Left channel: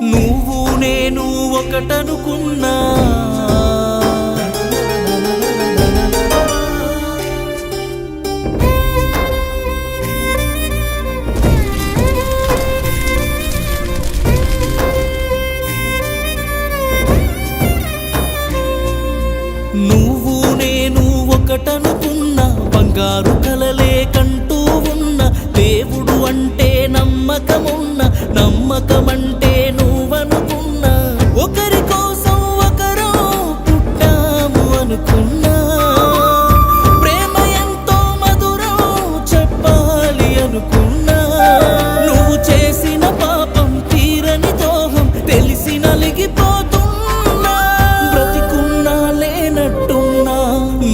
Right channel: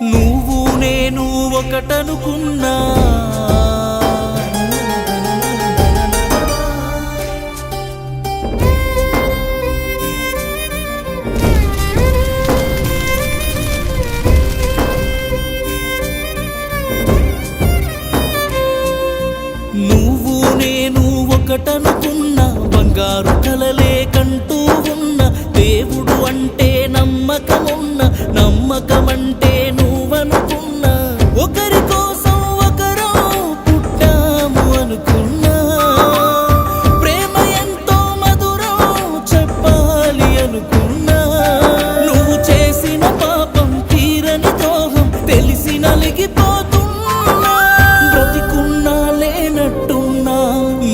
నువ్వు నేను ఒకటనుకున్నా, నువ్వు నేను ఒకటనుకున్నా, బంగారు కలలే కంటూ ఉన్న దేవుడు అంటే నమ్మకమున్న, నమ్మకమంటే నువ్వనుకున్నా, ఒకరి కోసం ఒకరు పుట్టాము అనుకున్నా, ప్రేమ ఎంతో మధురం చెప్పాలి అనుకున్నా, నువ్వు చేసిన పాపం తీరని ద్రోహం తెలిసి నలిగిపోతున్నా, బ్రతికున్నా లేనట్టున్నా,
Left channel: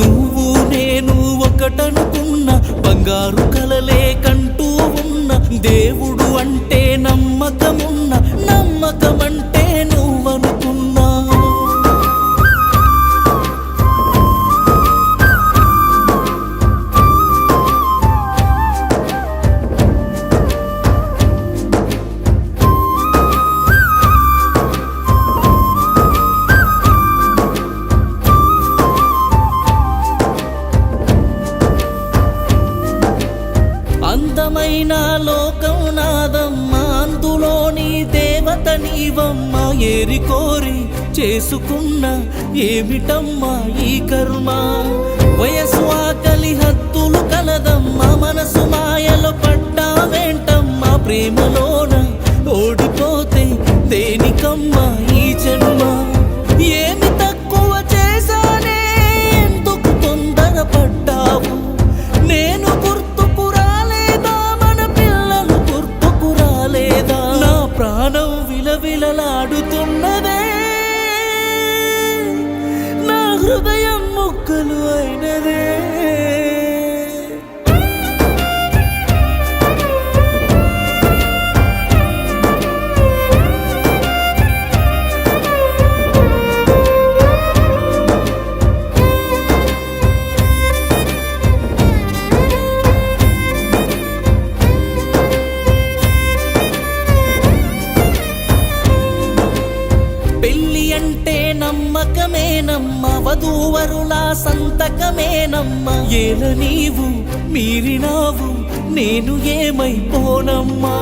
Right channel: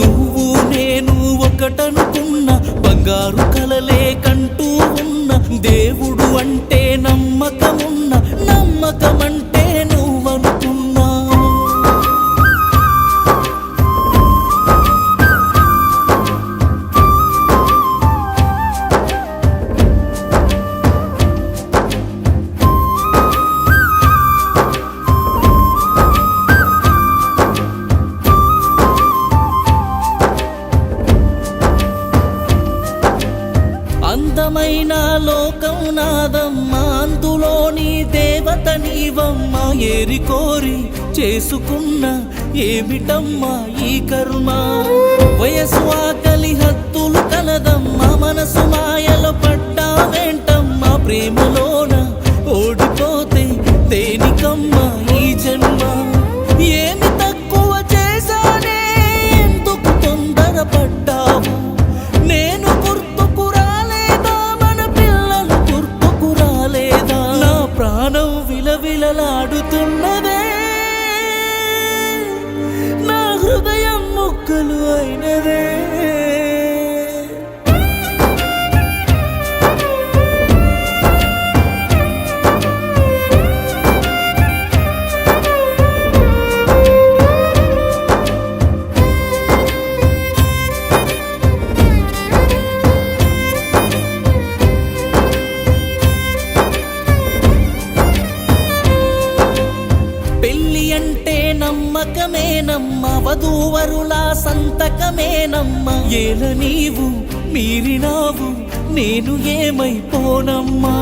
నువ్వు నేను ఒకటనుకున్నా, బంగారు కలలే కంటూ ఉన్న దేవుడు అంటే నమ్మకమున్న, నమ్మకమంటే నువ్వనుకున్నా. అందమైన లోకం నాదమ్మా, అందులోని దేవత నీవమ్మా, ఏరి కోరి చేసుకున్న ఏమిటమ్మా ఈ కర్మ, వయసు ఆకలి హద్దులు కలదమ్మా, మనసు మాయలో పడ్డావేంటమ్మా, ప్రేమలోన ఓడిపోతే దేనికమ్మా ఈ జన్మ, ఏమి తక్కువ చేశానే ఎందుకు తొందరపడ్డావు, నేను ప్రాణం విలవిలలాడుతున్నదే, నా హృదయం ముక్కలు అయినదే. పెళ్ళి అంటే నమ్మకమేనమ్మా, వధూవరులా సంతకమేనమ్మా, ఏల నీవు మీరినావు నేను ఏమైపోనమ్మా,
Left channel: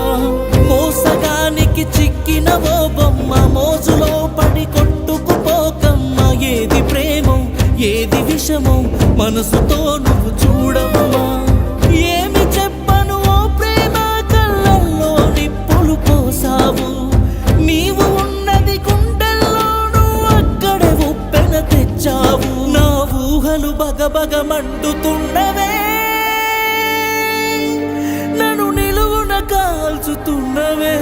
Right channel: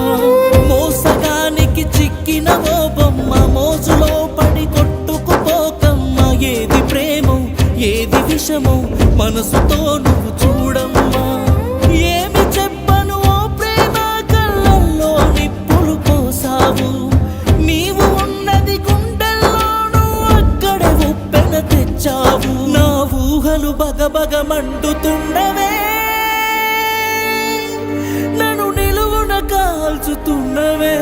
మోసగానికి చిక్కిన ఓ బొమ్మ, మోజులో పడి కొట్టుకుపోకమ్మా, ఏది ప్రేమో ఏది విషమో మనసుతో నువ్వు చూడమ్మా, ఏమి చెప్పను ఓ ప్రేమ, కళ్ళల్లో నిప్పులు పోసావు, నీవు ఉన్నది తెచ్చావు, నా ఊహలు బగబగ మండుతున్నవే, నన్ను నిలువున కాల్చుతున్నవే.